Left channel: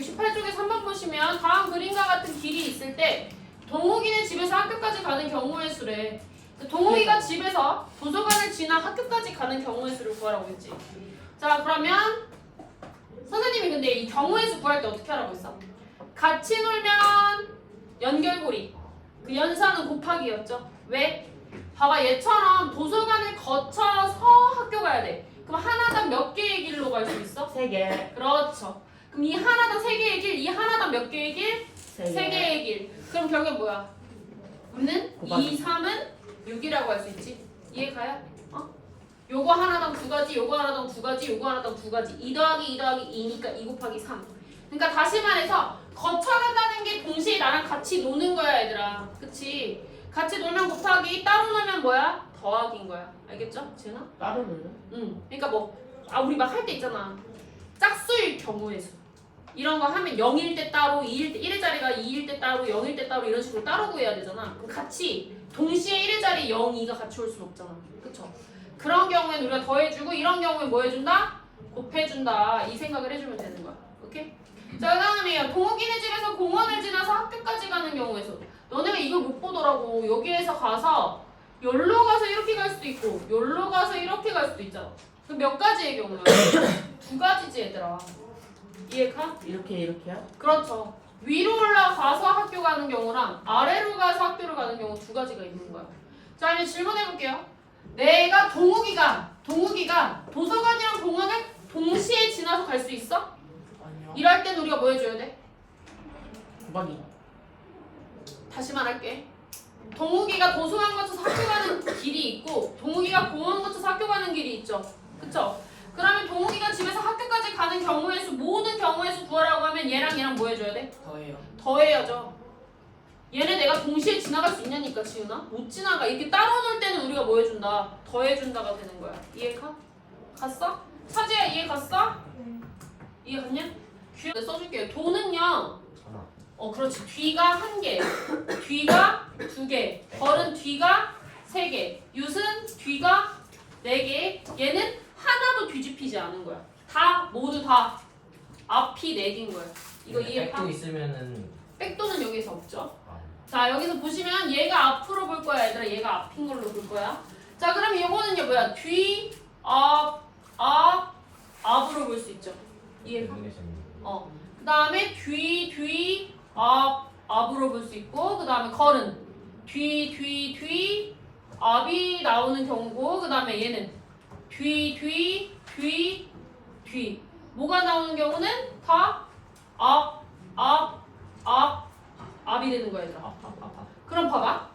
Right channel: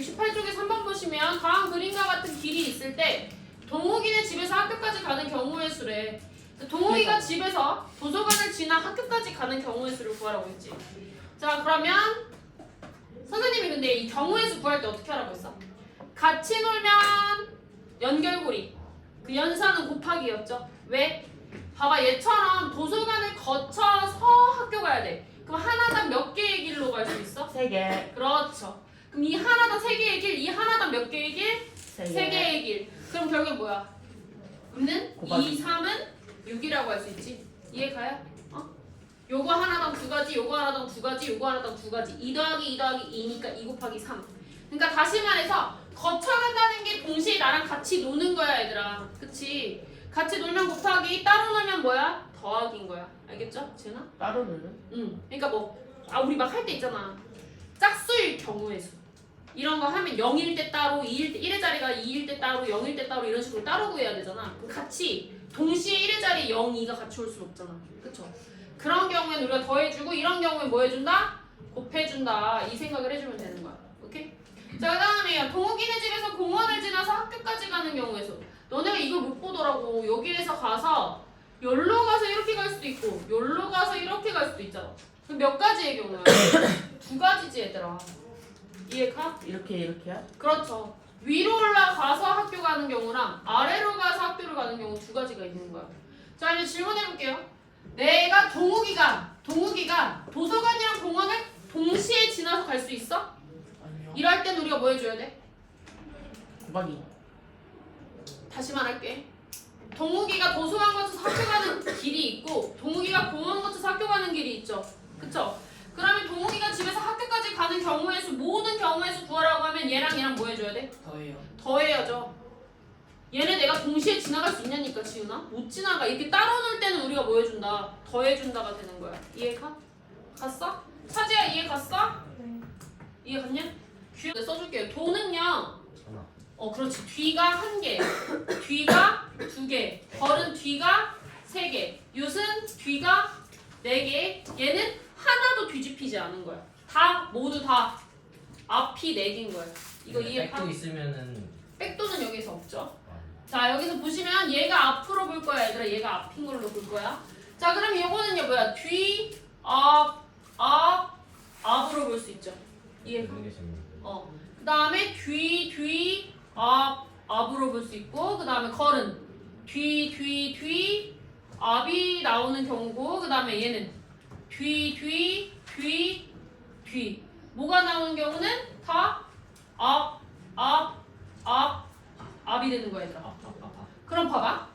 68쪽에 3번 보시면 다음 그림과 같은 길이 있을 때 동욱이네 집에서 학교까지 가는 경우의 수래. 동욱이가 집에서 도서관을 지나 학교까지 가는 경우의 수를 구하라고 했지. 자, 그러면 선생님이 근데 이 경우의 수 구할 때 어떻게 하라고 했어? 같이 놀면 연결고리. 그 연산은 곱하기였죠. 왜? 봐봐, 얘처럼 도서관을 거쳐서 학교 가야 돼. 그럼 하나당 몇 개의 길로 갈 수 있어? 3개. 그렇죠. 그럼 이 하나당 3개의 길, 이 하나당 몇 개의 길? 3개. 3개의 길. 그럼 결국 뭐야? 는 곱하기. 2, 3은 6이라고 할 수 있지. 이해 가요? 요거 하나당 2가지, 요거 하나당 2가지, 요거 하나당 2가지. 2 더하기 2 더하기 2니까 2 곱하기 3. 그러니까 다시 말해서 거쳐간다는 게 동시에 나랑 같이 노는 거야, 얘들아. 그치? 같이 놀면 곱하기, 따로 놀면 뭐야? 더하기인 거야. 알겠죠? 지은아? 따로 놀려? 응. 그러니까 우리 막 할 때 있잖아. 짝수일 경우의 수. 이런 거 하면 0일 때 따로, 2일 때 1의 자리가 2일 때 따로, 0일 때 따로 이런 식으로 따로 구해야 되잖아. 그럼 같이 동시에 1의 자리 0, 2가 같이 올 수는 없잖아. 그쵸? 그런 경우에는 우리가 더해주고 이런 경우에 뭐 해준다? 곱해준다. 이 생각을 해주면 되는 거야. 오케이? 자, 그 다음에요. 동욱이네 집에서 공원을 지나서 학교까지 가는 경우의 수. 너네가 이걸 못 보더라고. 여기에서 가서 여기로 가서 이렇게 갈 수도 있고 여기로 가서 이렇게 갈 수도 있잖아. 그럼 몇 가지의 경우야? 2가지지 얘들아. 이해가? 이렇게야? 그렇죠. 위로 올라가서 학교 가는 경우랑 아래로 가서 학교를 가는 경우 2가지가 있는 거야. 자, 이제 질문해볼게요. 내가 동욱이가 도서관이랑 공원을 동시에 지나서 갈 수 있어? 아니요. 이럴 땐 우리가 뭐 해줘야 돼? 곱하기. 다시 말할게. 동욱이가 도서관 거쳐서 학교 가는 길이 있고 동욱이가 공원 거쳐서 학교 가는 길이 있죠. 그쵸? 그러면 동욱이가 집에서 학교까지 가는 경우의 수, 모든 경우의 수 구하라고 하면 얘랑 뭐 해줘야 돼? 더해요. 더해야죠. 얘네 내가 동시에 지나갈 수 있냐니까, 지훈아? 못 지나가. 이렇게 따로 놀 때는 우리가 뭐 해준다? 더해준다가 되는 거야. 이해가? 갔어? 차지야, 이해 갔어? 이해 갔냐? 내가 써줄게요. 도는요. 그렇지. 뒤가 1개, 뒤가 2개, 벌은 뒤가 3개, 윷은 뒤가 4개. 얘는 하나도 뒤집히지 않은 거야. 모두 다 앞이 4개인 거야. 이거 이해 가? 백도 있으면은 백도는 여기서 없죠. 자, 여기서 보시면 얘가 앞으로 볼 거야, 얘들아. 얘가 앞인 걸로 볼 거야. 자, 그럼 이거는요 뭐야? 뒤, 앞으로 볼 수 있죠. 이해가? 그 다음에 뒤, 앞으로 볼 수 있고, 그 다음에 걸은 뒤, 앞이 나오는 경우고, 그 다음에 얘는 뒤. 뭐가 나오는 경우는 다 앞이 되는 거야, 얘들아. 그럼 봐봐.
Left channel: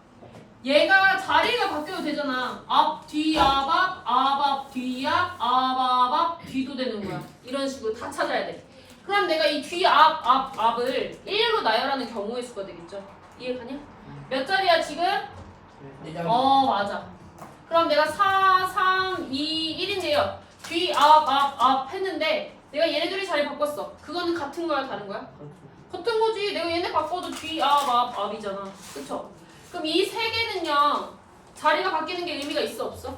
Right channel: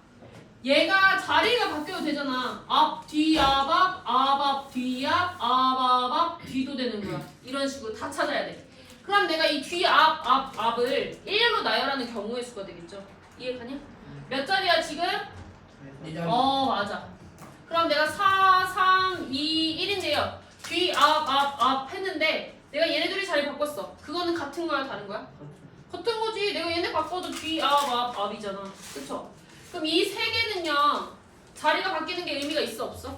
얘가 자리가 바뀌어도 되잖아. 앞, 뒤, 앞, 뒤, 앞, 뒤도 되는 거야. 이런 식으로 다 찾아야 돼. 그럼 내가 이 뒤, 앞을 1로 나열하는 경우의 수가 되겠죠. 이해가냐? 몇 자리야 지금? 맞아. 그럼 내가 4, 3, 2, 1인데요. 뒤, 앞 했는데 내가 얘네들이 자리 바꿨어. 그거는 같은 거야, 다른 거야? 같은 거지. 내가 얘네 바꿔도 뒤, 앞이잖아. 그쵸? 그럼 이 3개는요. 자리가 바뀌는 게 의미가 있어, 없어?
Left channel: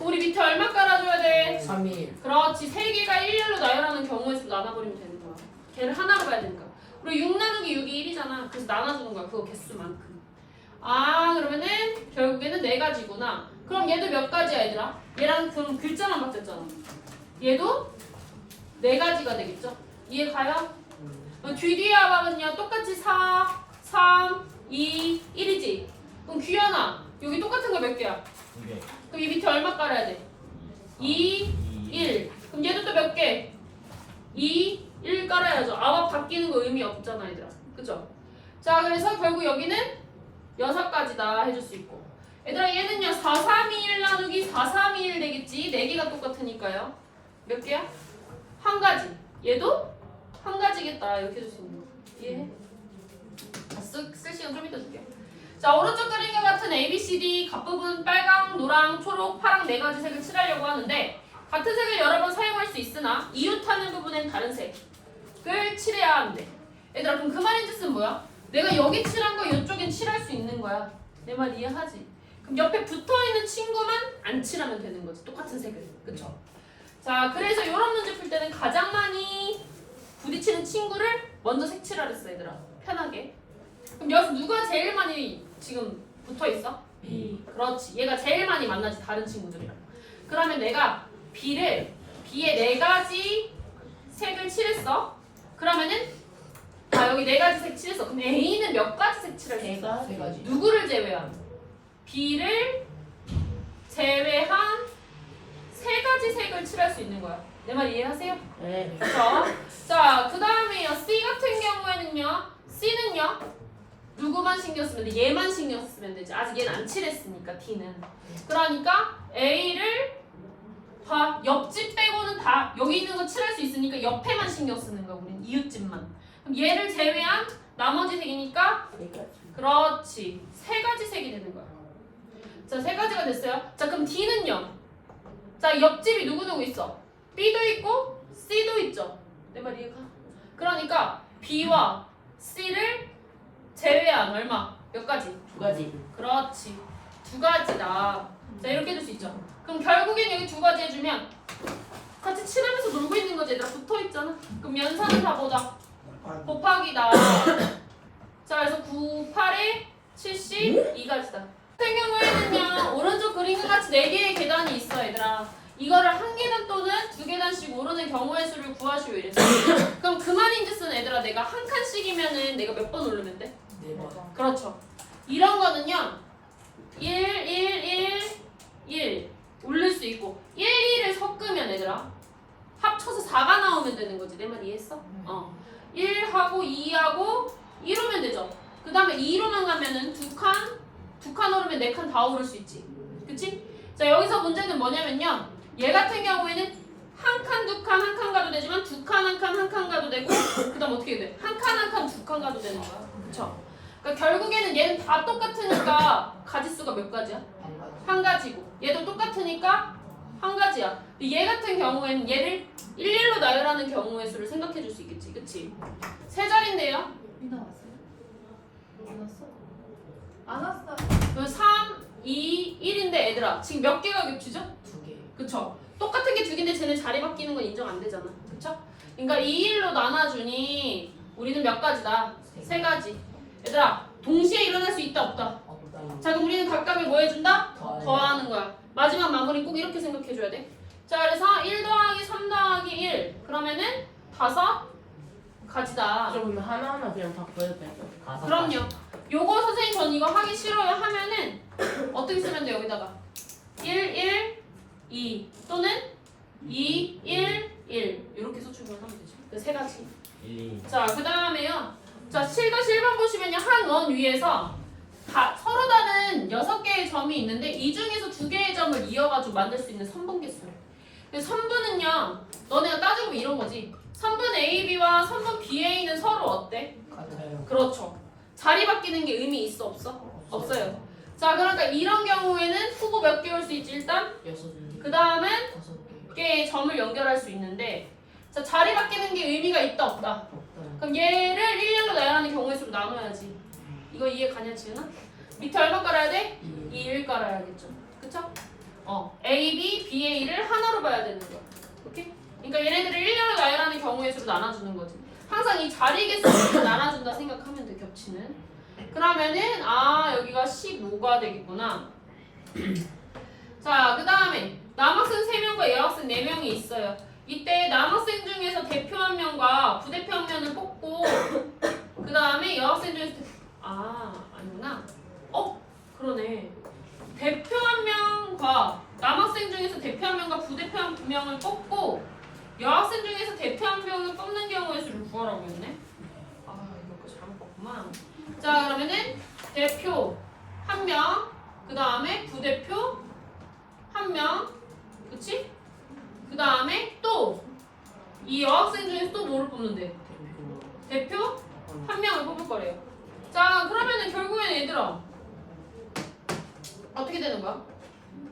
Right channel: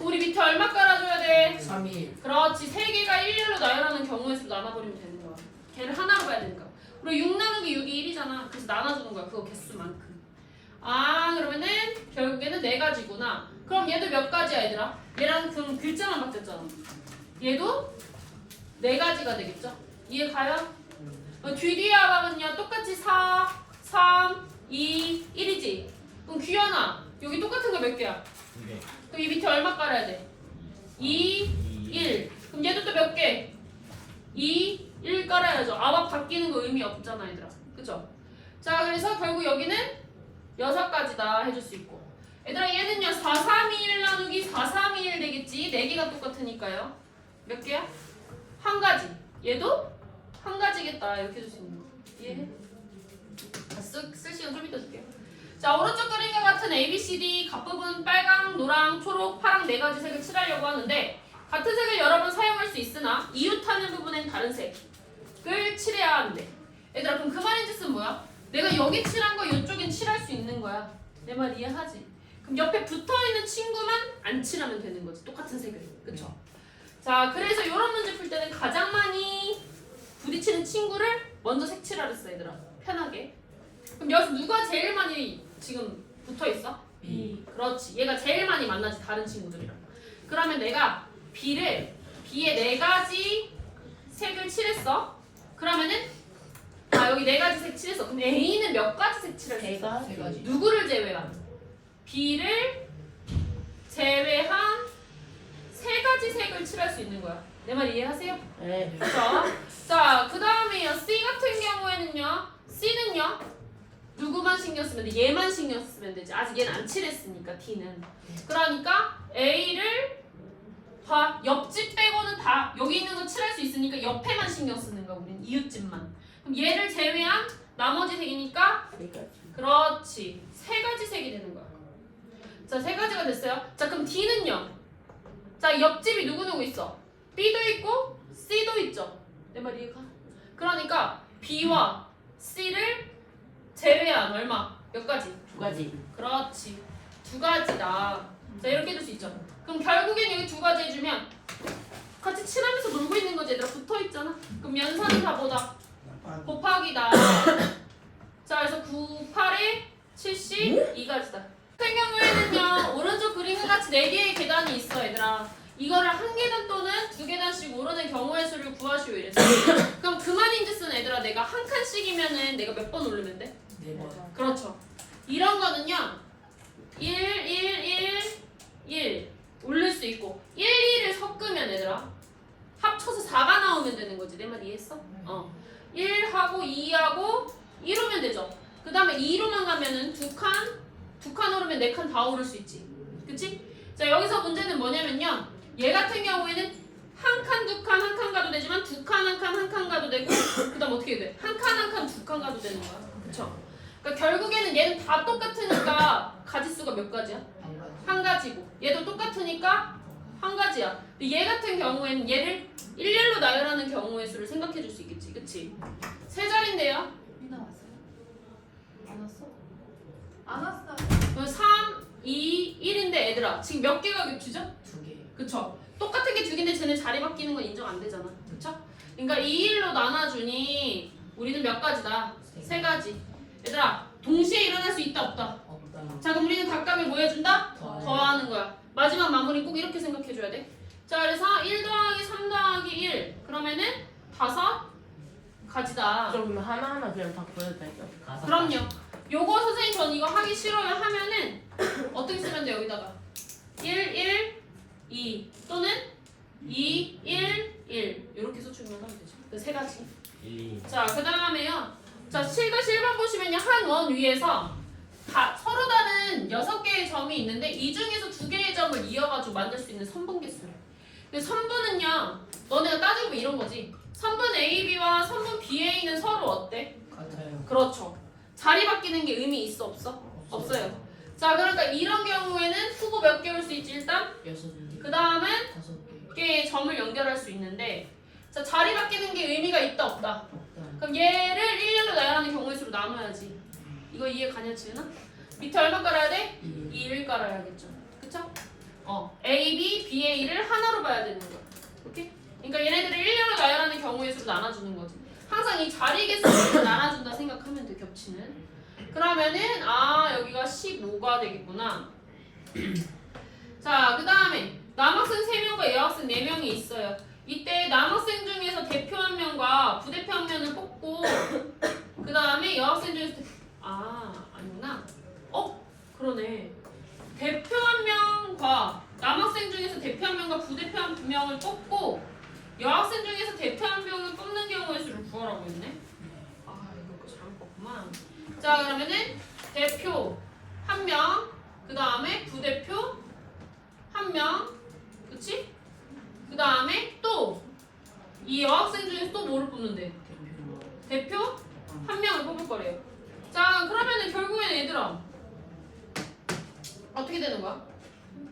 우리 밑에 얼마 깔아줘야 돼? 3일. 그렇지. 3개가 일렬로 나열하는 경우의 수 나눠버리면 되는 거야. 걔를 하나로 봐야 되니까. 그리고 6 나누기 6이 1이잖아. 그래서 나눠주는 거야. 그거 개수만큼. 그러면은 결국에는 4가지구나. 그럼 얘도 몇 가지야, 얘들아? 얘랑 그럼 글자만 바뀌었잖아. 얘도 4가지가 되겠죠? 이해 가요? 뒤뒤의 합은요 똑같이 4, 3, 2, 1이지? 그럼 귀현아 여기 똑같은 거 몇 개야? 2개. 그럼 이 밑에 얼마 깔아야 돼? 2, 1. 그럼 얘도 또 몇 개? 2, 1 깔아야죠. 앞 바뀌는 거 의미 없잖아, 얘들아. 그쵸? 자, 그래서 결국 여기는 6가지다 해줄 수 있고. 얘들아, 얘는요 4, 3, 2, 1 나누기 4, 3, 2, 1 되겠지? 4개가 똑같으니까요. 몇 개야? 1가지. 얘도 1가지겠다. 이렇게 해줄 수 있는 거. 이해해? 쓸 시간 좀 이따 줄게. 자, 오른쪽 그림과 같은 ABCD 각部분 빨강, 노랑, 초록, 파랑 4가지 색을 칠하려고 하는데 같은 색을 여러 번 사용할 수 있으나 이웃하는 부분엔 다른 색을 칠해야 하는데 얘들아, 그럼 그 말인 뜻은 뭐야? 내가 여기 칠한 거 이쪽엔 칠할 수 있는 거야. 내 말 이해하지? 그럼 옆에 붙어있는 친구만 안 칠하면 되는 거지. 똑같은 색을. 그쵸? 자, 그래서 이런 문제 풀 때는 가장 많이 부딪히는 친구를 먼저 색칠하라 했어 얘들아. 편하게. 그럼 여기서 누가 제일 많이 지금 붙어 있어? B. 그렇지. 얘가 제일 많이 만나지 다른 친구들이랑. 그러면 내가 B에 4가지 색을 칠했어. 그러면은 여기 4가지 색 칠했어. 그럼 A는 몇 가지 색 칠할 수 있어? 세 가지. 누구를 제외한? B를 제외한 3가지 색을 칠할 수 있는 거야. 내 말 이해하세요? 네. 그렇죠? 자, 그 다음에요. C 같은 경우에는요. C는요. 누구만 신경 쓰면 돼? 얘만 신경 쓰면 되지. 아직 얘는 안 칠했으니까 D는. 그러니까 A를 봐. 옆집 빼고는 다 여기 있는 거 칠할 수 있으니까 옆에만 신경 쓰는 거야. 우리는 이웃집만. 그럼 얘를 제외한 나머지 색이니까 세 가지. 그렇지. 3가지 색이 되는 거야. 자, 3가지가 됐어요. 자, 그럼 D는요. 자, 옆집이 누구 있어? B도 있고 C도 있죠. 내 말 이해가? 그러니까 B와 C를 제외한 얼마? 몇 가지? 두 가지. 그렇지. 2가지다. 자, 이렇게 해줄 수 있죠. 그럼 결국엔 여기 2가지 해주면 같이 칠하면서 놀고 있는 거지. 얘들아 붙어 있잖아. 그럼 연산은 다 보자. 곱하기다. 자, 그래서 9, 8에 72가지다. 같은 경우에는요, 오른쪽 그림과 같이 4개의 계단이 있어, 얘들아. 이거를 1계단 또는 2계단씩 오르는 경우의 수를 구하시오 이랬어. 그럼 그 말인즉슨 얘들아, 내가 한 칸씩이면은 내가 몇 번 오르면 돼? 네 번. 그렇죠. 이런 거는요, 1 올릴 수 있고 1을 섞으면 얘들아 합쳐서 4가 나오면 되는 거지. 내 말 이해했어? 1하고 2하고 1오면 되죠. 그 다음에 2로만 가면은 2칸 오르면 4칸 다 오를 수 있지. 그치? 자, 여기서 문제는 뭐냐면요, 얘 같은 경우에는 한 칸, 2칸, 한 칸 가도 되지만 2칸, 한 칸, 한 칸 가도 되고 그 다음 어떻게 돼? 한 칸, 한 칸, 2칸 가도 되는 거야. 그쵸? 그러니까 결국에는 얘는 다 똑같으니까 가지수가 몇 가지야? 한 가지고 얘도 똑같으니까 한 가지야. 근데 얘 같은 경우에는 얘를 1로 나열하는 경우의 수를 생각해 줄 수 있겠지. 그치? 3자리인데요. 이나 왔어요? 안 왔어? 안 왔어. 그럼 3, 2, 1인데 얘들아 지금 몇 개가 겹치죠? 2개. 그쵸? 똑같은 게 2개인데 쟤네 자리 바뀌는 건 인정 안 되잖아. 그쵸? 그러니까 2, 1로 나눠주니 우리는 몇 가지다? 3가지. 얘들아 동시에 일어날 수 있다 없다? 없다. 자, 그럼 우리는 닭감이 뭐 해준다? 더하기. 더하는 거야. 마지막 마무리 꼭 이렇게 생각해줘야 돼. 자, 그래서 1 더하기 3 더하기 1 그러면은 5가지다. 좀 하나하나 그냥 바꿔도 될까? 그럼요. 요거 선생님 전 이거 하기 싫어요 하면은 어떻게 쓰면 돼? 여기다가 1, 2 또는 2, 1, 1 이렇게 수축을 하면 되죠. 그 3가지. 자, 그 다음에요. 자, 7-1번 보시면요. 한 원 위에서 서로 다른 6개의 점이 있는데 이 중에서 2개의 점을 이어가지고 만들 수 있는 선분 개수예요. 근데 선분은요, 너네가 따져보면 이런 거지. 선분 AB와 선분 BA는 서로 어때? 같아요. 그렇죠. 자리 바뀌는 게 의미 있어 없어? 없어요. 자, 그러니까 이런 경우에는 후보 몇 개 올 수 있지 일단? 6개. 그 다음은 5개. 개의 점을 연결할 수 있는데, 자, 자리 바뀌는 게 의미가 있다 없다? 없다. 그럼 얘를 1로 나열하는 경우의 수로 나눠야지. 이거 이해 가냐 지은아? 밑에 얼마 깔아야 돼? 2를 깔아야겠죠. 그쵸? A, B, B, A를 하나로 봐야 되는 거야. 오케이? 그러니까 얘네들을 1로 나열하는 경우의 수로 나눠주는 거지. 항상 이 자리 개수를 나눠준다 생각하면 돼, 겹치는. 그러면은 여기가 15가 되겠구나. 자, 그 다음에 남학생 3명과 여학생 4명이 있어요. 이때 남학생 중에서 대표 1명과 부대표 1명을 뽑고 그 다음에 여학생 중에서 아니구나. 그러네. 대표 1명과 남학생 중에서 대표 1명과 부대표 2명을 뽑고 여학생 중에서 대표 1명을 뽑는 경우의 수를 구하라고 했네. 이거 잘못 봤구만. 자, 그러면은 대표 1명, 그 다음에 부대표 1명, 그치? 그 다음에 또 이 여학생 중에서 또 뭐를 뽑는데? 대표 1명을 뽑을 거래요. 자, 그러면은 결국에는 얘들아 어떻게 되는 거야?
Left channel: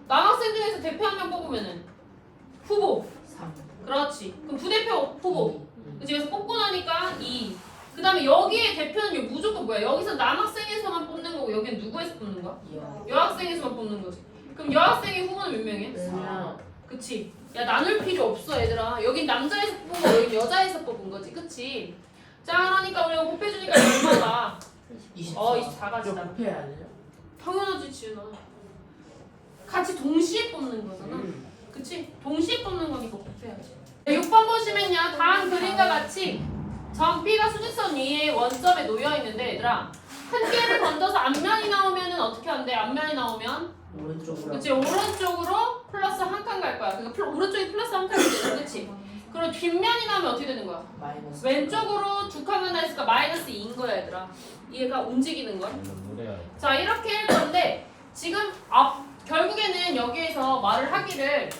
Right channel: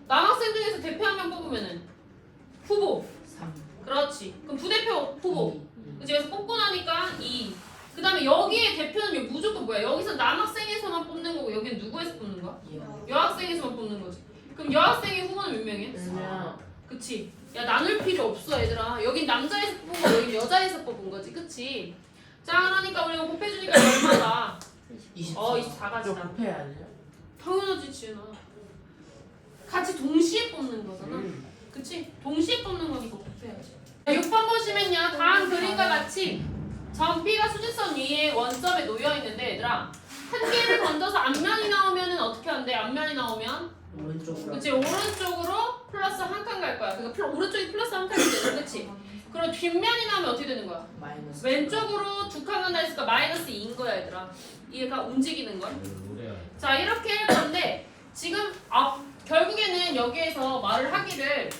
남학생 중에서 대표 1명 뽑으면은 후보 3. 그렇지. 그럼 부대표 후보. 그치? 그래서 뽑고 나니까 2. 그 다음에 여기에 대표는 무조건 뭐야? 여기서 남학생에서만 뽑는 거고 여기는 누구에서 뽑는 거야? 여학생에서만 뽑는 거지. 그럼 여학생의 후보는 몇 명이야? 4. 그치? 야 나눌 필요 없어 얘들아. 여긴 남자에서 뽑은 거 여긴 여자에서 뽑은 거지 그치? 자 그러니까 우리가 곱해주니까 얼마다? 24. 24가지다. 이거 곱해야 돼요? 당연하지 지은아. 같이 동시에 뽑는 거잖아. 그치? 동시에 뽑는 거니까 곱해야지. 6번 보시면요. 다음 그림과 같이 점 P가 수직선 위에 원점에 놓여 있는데 얘들아 한 개를 건져서 앞면이 나오면은 어떻게 한대? 앞면이 나오면 오른쪽으로. 그치? 오른쪽으로 플러스 한 칸 갈 거야. 그러니까 오른쪽이 플러스 한 칸이 되잖아. 그치? 그리고 뒷면이 나오면 어떻게 되는 거야? 마이너스. 왼쪽으로 두 칸만 다 있으니까 마이너스 2인 거야 얘들아. 얘가 움직이는 거야. 자 이렇게 할 건데 지금 결국에는 여기에서 말을 하기를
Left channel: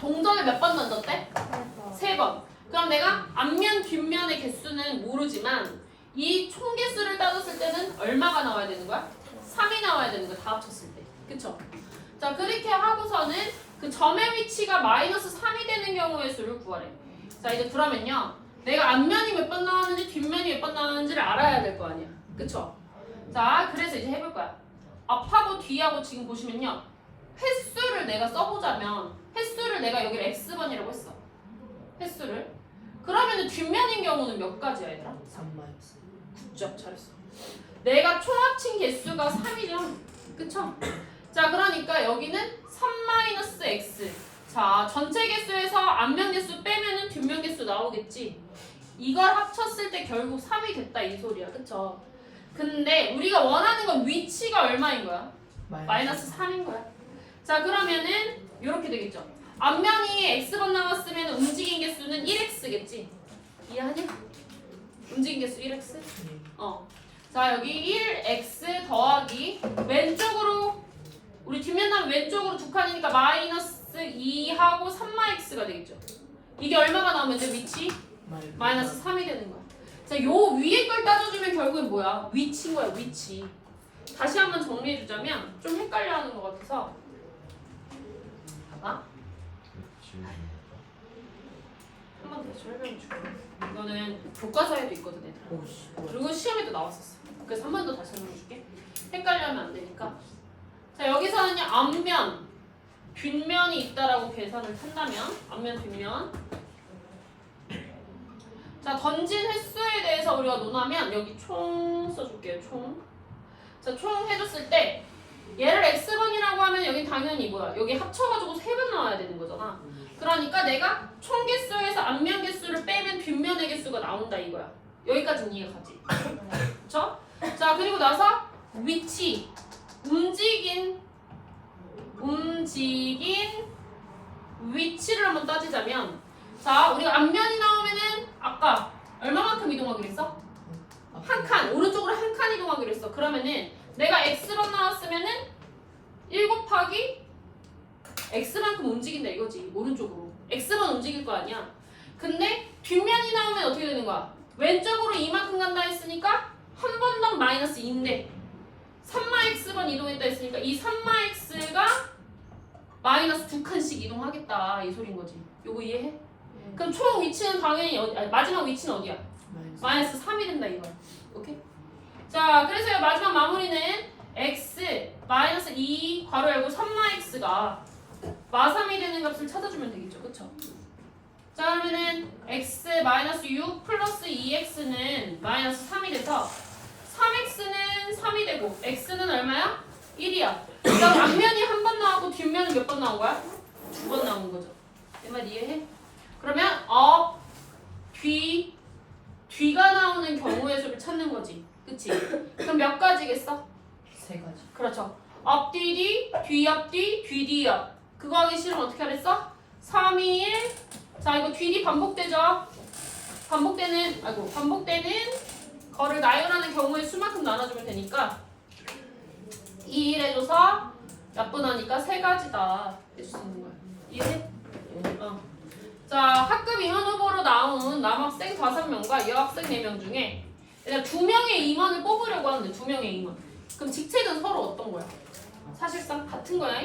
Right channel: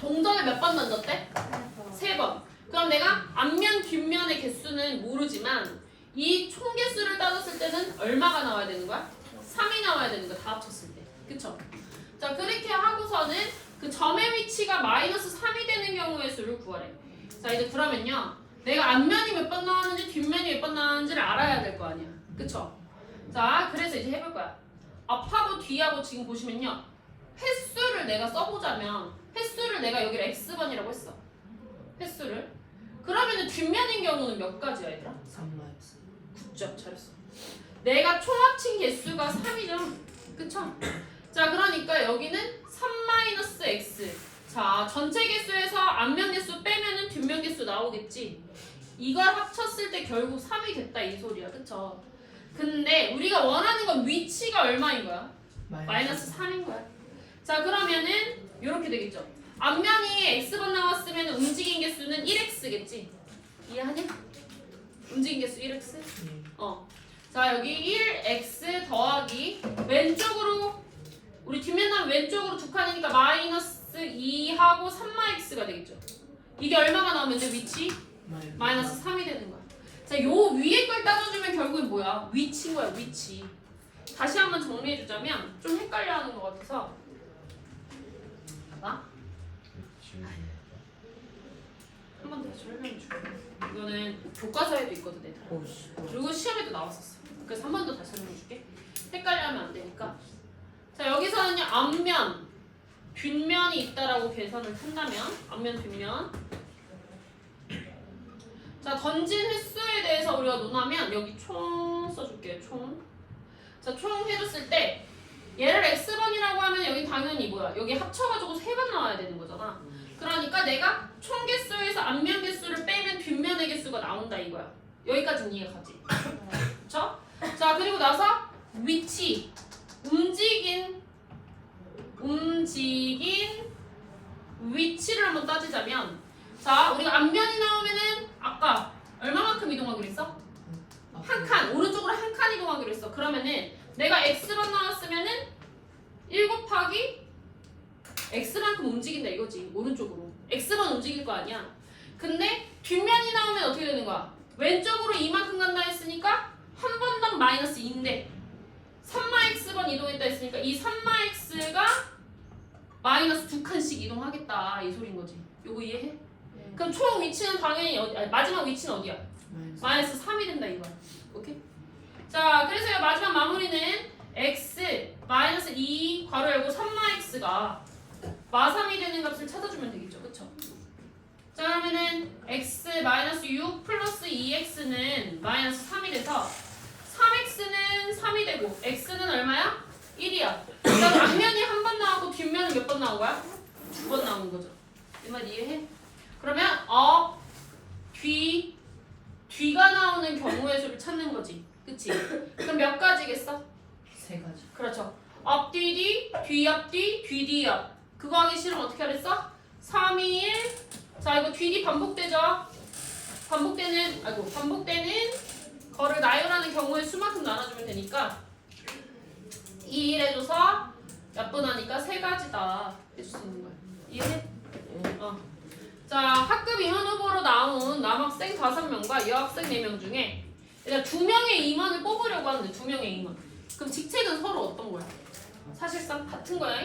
동전을 몇 번 던졌대? 3번. 그럼 내가 앞면 뒷면의 개수는 모르지만 이 총 개수를 따졌을 때는 얼마가 나와야 되는 거야? 3이 나와야 되는 거야. 다 합쳤을 때. 그쵸? 자 그렇게 하고서는 그 점의 위치가 마이너스 3이 되는 경우의 수를 구하래. 자 이제 그러면요. 내가 앞면이 몇 번 나왔는지 뒷면이 몇 번 나왔는지를 알아야 될 거 아니야. 그쵸? 자 그래서 이제 해볼 거야. 앞하고 뒤하고 지금 보시면요. 횟수를 내가 써보자면 횟수를 내가 여기를 x번이라고 했어. 횟수를. 그러면은 뒷면인 경우는 몇 가지야 얘들아? 3마이너스. 9점 잘했어. 내가 총 합친 개수가 3이죠. 그쵸? 자 그러니까 여기는 3-x. 자 전체 개수에서 앞면 개수 빼면은 뒷면 개수 나오겠지. 이걸 합쳤을 때 결국 3이 됐다 이 소리야. 그쵸? 근데 우리가 원하는 건 위치가 얼마인 거야? 마이너스 3인 거야. 자 그러면은 이렇게 되겠죠. 앞면이 x번 나왔으면 움직인 개수는 1x겠지. 이해하냐? 움직인 개수 1x? 자 여기 1x 더하기 왼쪽으로 우리 뒷면 나면 왼쪽으로 두 칸이니까 마이너스 2하고 3x가 되겠죠. 이게 얼마가 나오면 돼 위치? 마이너스 3이 되는 거야. 자, 요 위에 걸 따져주면 결국엔 뭐야? 위치인 거야, 위치. 다시 한번 정리해주자면 좀 헷갈려하는 것 같아서 봐봐. 한 번 더 설명해줄게. 이거는 교과서에도 있거든, 얘들아. 그리고 시험에도 나왔었어. 그래서 한 번 더 다시 설명해줄게. 헷갈려하면 안 되니까. 자, 여기서는요, 앞면, 뒷면이 있다라고 계산을 한다면, 앞면, 뒷면. 자, 던진 횟수에 대해서 우리가 논하면 여기 총 써줄게요. 총. 자, 총 해줬을 때 얘를 x번이라고 하면 여기 당연히 뭐야? 여기 합쳐가지고 3번 나와야 되는 거잖아. 그러니까 내가 총 개수에서 앞면 개수를 빼면 뒷면의 개수가 나온다 이거야. 여기까지는 이해가지? 그쵸? 자, 그리고 나서 위치. 움직인 위치를 한번 따지자면 자, 우리가 앞면이 나오면은 아까 얼마만큼 이동하기로 했어? 한 칸, 오른쪽으로 한 칸 이동하기로 했어. 그러면은 내가 x번 나왔으면은 1 곱하기 x만큼 움직인다 이거지. 오른쪽으로. x번 움직일 거 아니야. 근데 뒷면이 나오면 어떻게 되는 거야? 왼쪽으로 이만큼 간다 했으니까 한 번 더 마이너스 2인데 3x번 이동했다 했으니까 이 3x가 마이너스 2칸씩 이동하겠다 이 소린 거지. 요거 이해해? 그럼 총 위치는 당연히 마지막 위치는 어디야? 마이너스 3이 된다 이거야. 오케이? 자, 그래서 마지막 마무리는 x 마이너스 2 괄호 열고 3x가 마3이 되는 값을 찾아주면 되겠죠. 그쵸? 자, 그러면은 x 마이너스 6 플러스 2x는 마이너스 3이 돼서 3x는 3이 되고 x는 얼마야? 1이야. 그럼 앞면이 한 번 나오고 뒷면은 몇 번 나온 거야? 2번 나온 거죠. 이 말 이해해? 그러면 뒤가 나오는 경우의 수를 찾는 거지. 그치? 그럼 몇 가지겠어? 3가지. 그렇죠. 앞, 뒤, 뒤, 뒤, 앞. 그거 하기 싫으면 어떻게 하랬어? 3, 2, 1. 자, 이거 뒤 반복되죠? 반복되는 거를 나열하는 경우의 수만큼 나눠주면 되니까 2, 1 해줘서 약분하니까 3가지다 해줄 수 있는 거야. 이해해? 자, 학급 임원 후보로 나온 남학생 5명과 여학생 4명 중에 일단 2명의 임원을 뽑으려고 하는데 2명의 임원. 그럼 직책은 서로 어떤 거야? 사실상 같은 거야.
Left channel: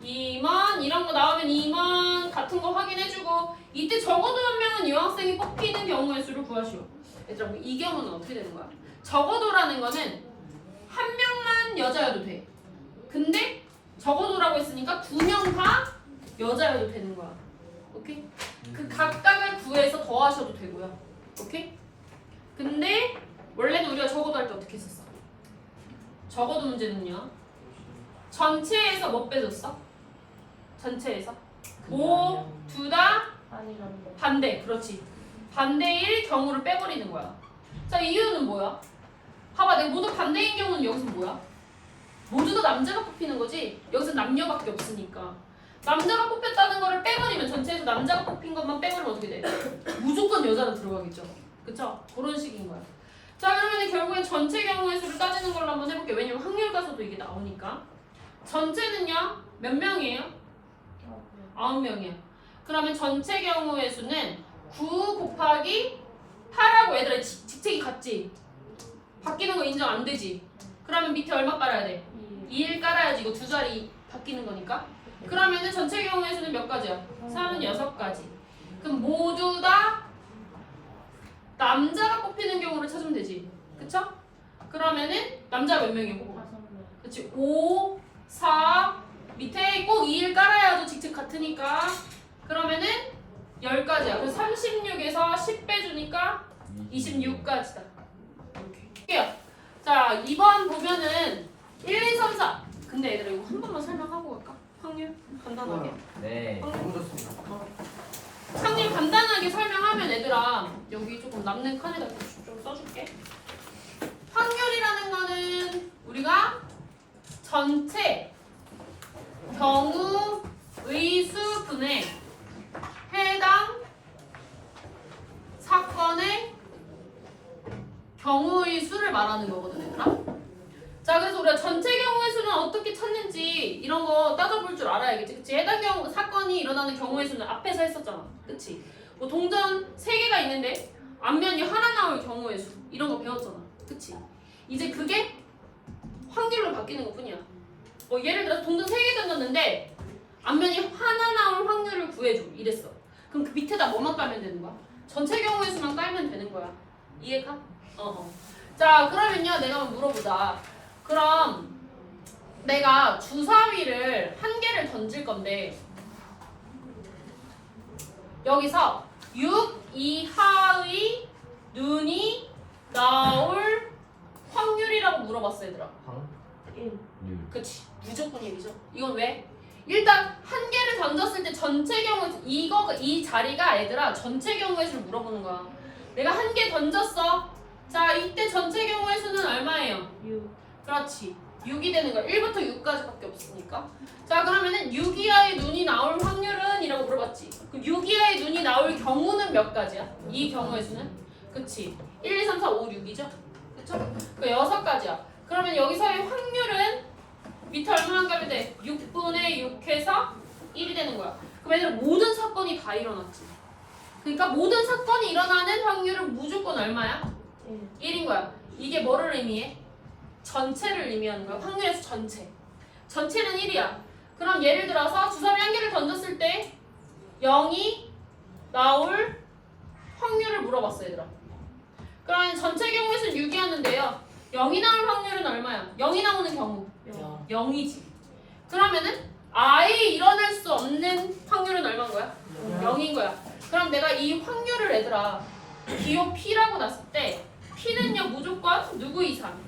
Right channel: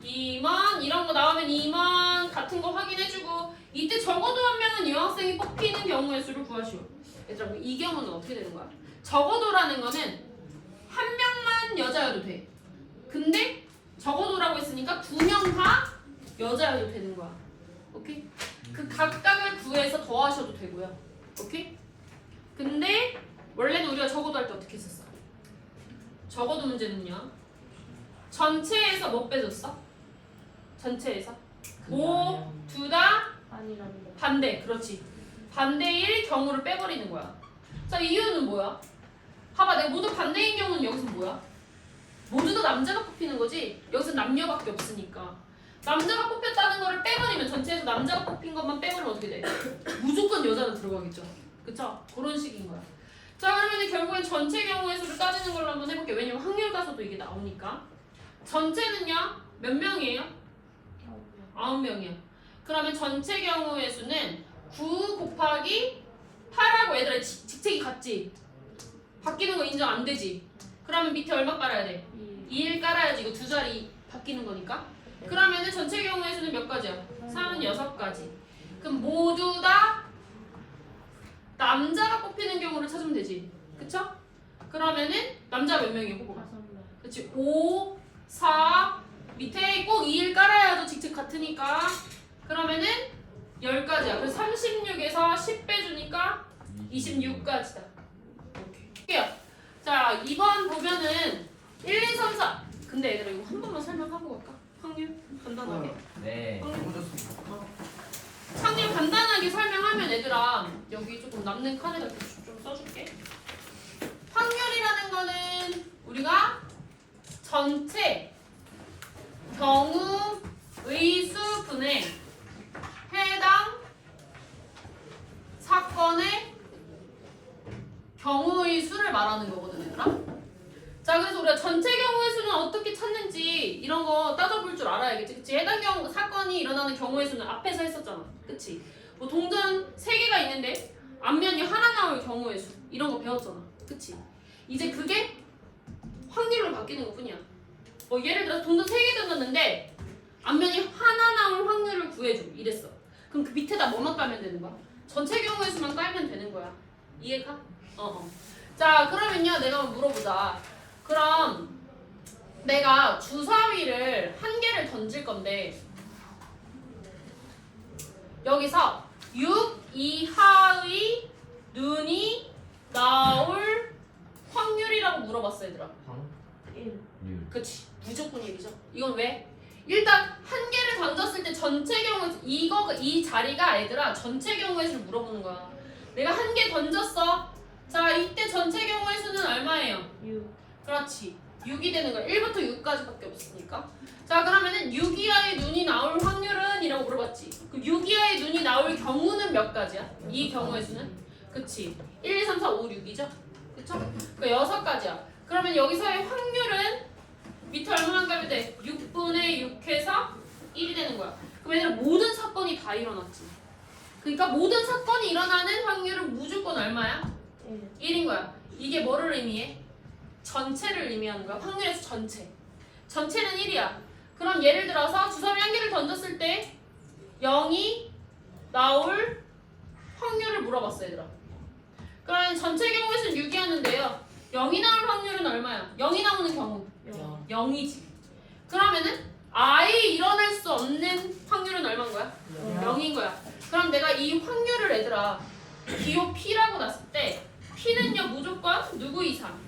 임원 이런 거 나오면 임원 같은 거 확인해주고 이때 적어도 한 명은 여학생이 뽑히는 경우의 수를 구하시오. 얘들아, 이 경우는 어떻게 되는 거야? 적어도라는 거는 한 명만 여자여도 돼. 근데 적어도라고 했으니까 2명 다 여자여도 되는 거야. 오케이? 그 각각을 구해서 더하셔도 되고요. 오케이? 근데 원래는 우리가 적어도 할 때 어떻게 했었어? 적어도 문제는요. 전체에서 뭐 빼줬어? 전체에서 모두 다 아니란데. 반대. 그렇지. 반대일 경우를 빼버리는 거야. 자, 이유는 뭐야? 봐봐, 내가 모두 반대인 경우는 여기서 뭐야? 모두 다 남자가 뽑히는 거지. 여기서 남녀밖에 없으니까. 남자가 뽑혔다는 거를 빼버리면 전체에서 남자가 뽑힌 것만 빼버리면 어떻게 돼? 무조건 여자로 들어가겠죠. 그쵸? 그런 식인 거야. 자, 그러면 결국엔 전체 경우의 수를 따지는 걸로 한번 해볼게요. 왜냐면 확률 가서도 이게 나오니까. 전체는요? 몇 명이에요? 9명이야. 그러면 전체 경우의 수는 9 곱하기 8하고 얘들아 직책이 같지? 바뀌는 거 인정 안 되지? 그러면 밑에 얼마 깔아야 돼? 2를 깔아야지. 이거 두 자리 바뀌는 거니까. 그러면은 전체 경우의 수는 몇 가지야? 36가지. 그럼 모두 다 남자가 뽑히는 경우를 찾으면 되지. 그쵸? 그러면은 남자가 몇 명이야? 뽑아. 그치? 5, 4, 밑에 꼭 2를 깔아야죠. 직책 같으니까. 그러면은 10가지야. 그래서 36에서 10 빼주니까 26가지다. 이렇게. 자, 2번 보면은 1, 2, 3, 4. 근데 얘들아 이거 한 번만 설명하고 갈까? 확률? 간단하게. 네. 확률 간단하게 설명하면 얘들아 여기 조금 남는 칸에다 좀 써줄게. 확률이라는 거는 우리가 전체 경우의 수분에 해당 사건의 경우의 수를 말하는 거거든, 얘들아. 자, 그래서 우리가 전체 경우의 수는 어떻게 찾는지 이런 거 따져볼 줄 알아야겠지. 그치? 해당 경우 사건이 일어나는 경우의 수는 앞에서 했었잖아. 그치? 뭐 동전 3개가 있는데 앞면이 하나 나올 경우의 수 이런 거 배웠잖아. 그치? 이제 그게 확률로 바뀌는 것 뿐이야. 뭐 예를 들어서 동전 3개 던졌는데 앞면이 하나 나올 확률을 구해줘 이랬어. 그럼 그 밑에다 뭐만 깔면 되는 거야? 전체 경우의 수만 깔면 되는 거야. 이해가? 자, 그러면요 내가 한번 물어보자. 그럼 내가 주사위를 한 개를 던질 건데 여기서 6 이하의 눈이 나올 확률이라고 물어봤어, 얘들아. 1. 그치, 무조건 1이죠. 이건 왜? 일단 한 개를 던졌을 때 전체 경우 이 자리가 얘들아 전체 경우의 수를 물어보는 거야. 내가 한 개 던졌어. 자, 이때 전체 경우의 수는 얼마예요? 6. 그렇지. 6이 되는 거야. 1부터 6까지밖에 없으니까. 자, 그러면은 6 이하의 눈이 나올 확률은? 이라고 물어봤지. 그 6 이하의 눈이 나올 경우는 몇 가지야? 이 경우의 수는? 그치. 1, 2, 3, 4, 5, 6이죠? 그쵸? 그 6가지야. 그러면 여기서의 확률은 밑에 얼마나 가면 돼? 6분의 6 해서 1이 되는 거야. 그럼 얘들아 모든 사건이 다 일어났지. 그러니까 모든 사건이 일어나는 확률은 무조건 얼마야? 1인 거야. 이게 뭐를 의미해? 전체를 의미하는 거야. 확률에서 전체. 전체는 1이야. 그럼 예를 들어서 주사위 한 개를 던졌을 때 0이 나올 확률을 물어봤어, 얘들아. 그러면 전체 경우의 수는 6이었는데요. 0이 나올 확률은 얼마야? 0이 나오는 경우. 0이지. 그러면은 아예 일어날 수 없는 확률은 얼마인 거야? 0인 거야. 그럼 내가 이 확률을 얘들아 기호 P라고 놨을 때 P는요 무조건 누구 이상?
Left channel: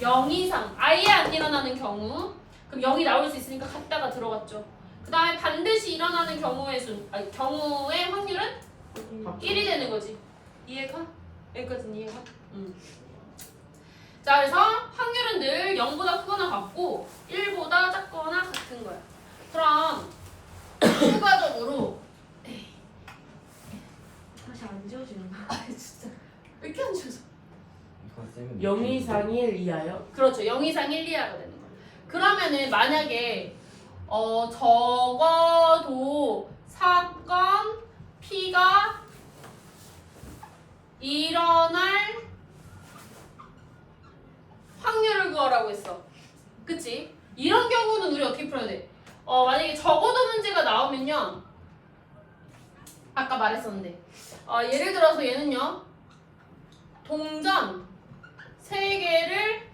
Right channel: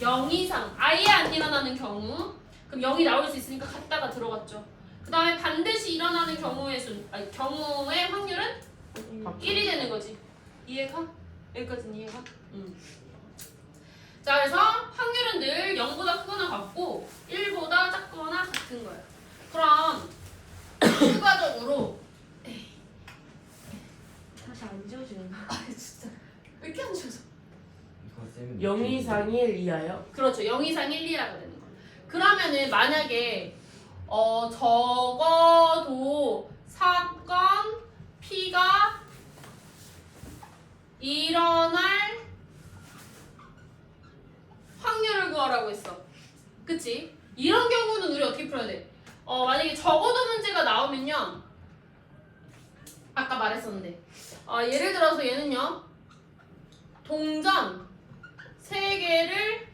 0 이상. 아예 안 일어나는 경우. 그럼 0이 나올 수 있으니까 갖다가 들어갔죠. 그 다음에 반드시 일어나는 경우의 확률은 1이 되는 거지. 이해가? 여기까지는 이해가? 자, 그래서 확률은 늘 0보다 크거나 같고 1보다 작거나 같은 거야. 그럼 추가적으로 다시 안 지워지는 거. 진짜 왜 이렇게 안 좋아서? 0 이상 1 이하요? 그렇죠. 0 이상 1 이하가 되는 거야. 그러면은 만약에 적어도 사건 P가 일어날 확률을 구하라고 했어. 그치? 이런 경우는 우리 어떻게 풀어야 돼? 만약에 적어도 문제가 나오면요. 아까 말했었는데 예를 들어서 얘는요. 동전 3개를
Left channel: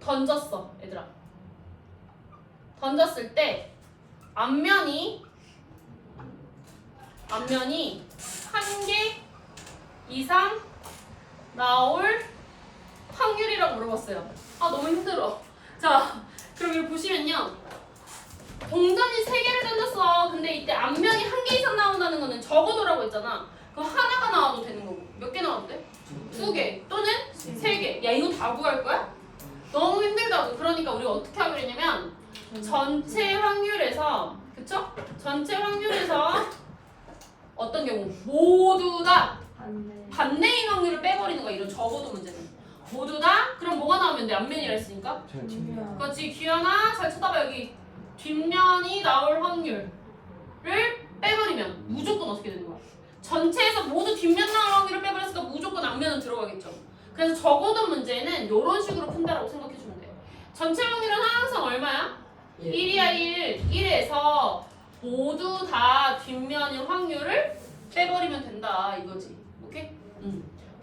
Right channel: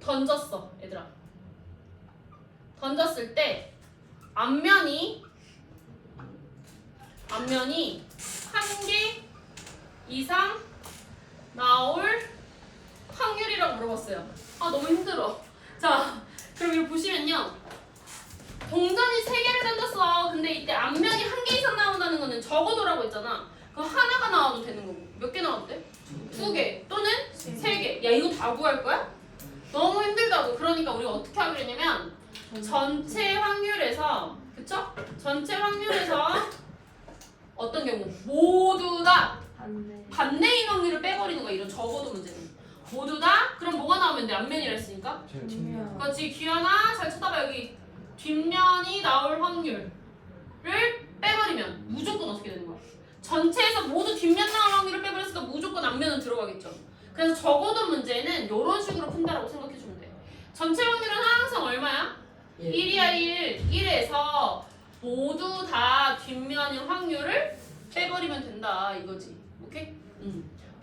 던졌어, 얘들아. 던졌을 때 앞면이 한 개 이상 나올 확률이라고 물어봤어요. 아 너무 힘들어. 자 그럼 여기 보시면요. 동전이 3개를 던졌어. 근데 이때 앞면이 한 개 이상 나온다는 거는 적어도라고 했잖아. 그럼 하나가 나와도 되는 거고. 몇 개 나와도 돼? 2개 또는 3개. 야 이거 다 구할 거야? 너무 힘들다고. 그러니까 우리가 어떻게 하기로 했냐면 전체 확률에서 그쵸? 전체 확률에서 어떤 경우? 모두 다 반대. 반대인 확률을 빼버리는 거야. 이런 적어도 문제는. 모두 다? 그럼 뭐가 나오면 돼? 앞면이라 했으니까? 뒷면. 그렇지. 규현아 잘 쳐다봐. 여기 뒷면이 나올 확률을 빼버리면 무조건 어떻게 되는 거야? 전체에서 모두 뒷면 나올 확률을 빼버렸으니까 무조건 앞면은 들어가겠죠. 그래서 적어도 문제는 이런 식으로 푼다라고 생각해주면 돼. 전체 확률은 항상 얼마야? 1이야 1. 1에서 모두 다 뒷면인 확률을 빼버리면 된다 이거지. 오케이?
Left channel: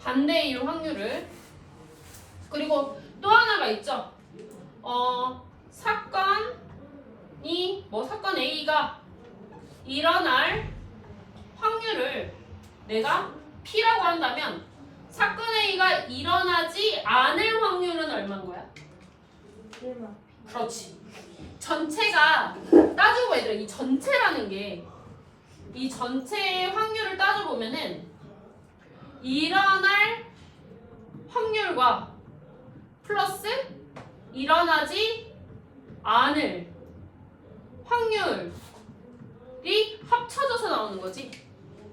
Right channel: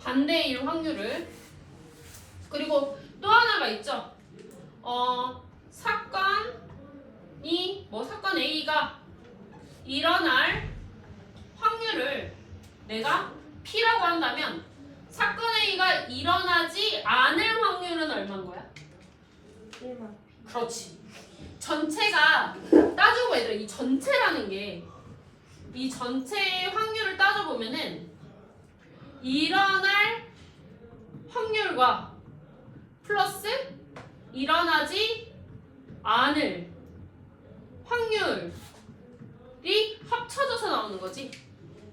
반대인 확률을. 그리고 또 하나가 있죠. 사건 A가 일어날 확률을 내가 P라고 한다면 사건 A가 일어나지 않을 확률은 얼마인 거야? 1만. 그렇지. 전체가 따져봐 얘들아. 이 전체라는 게 이 전체의 확률을 따져보면은 일어날 확률과 플러스 일어나지 않을 확률이 합쳐져서 나오는 거지.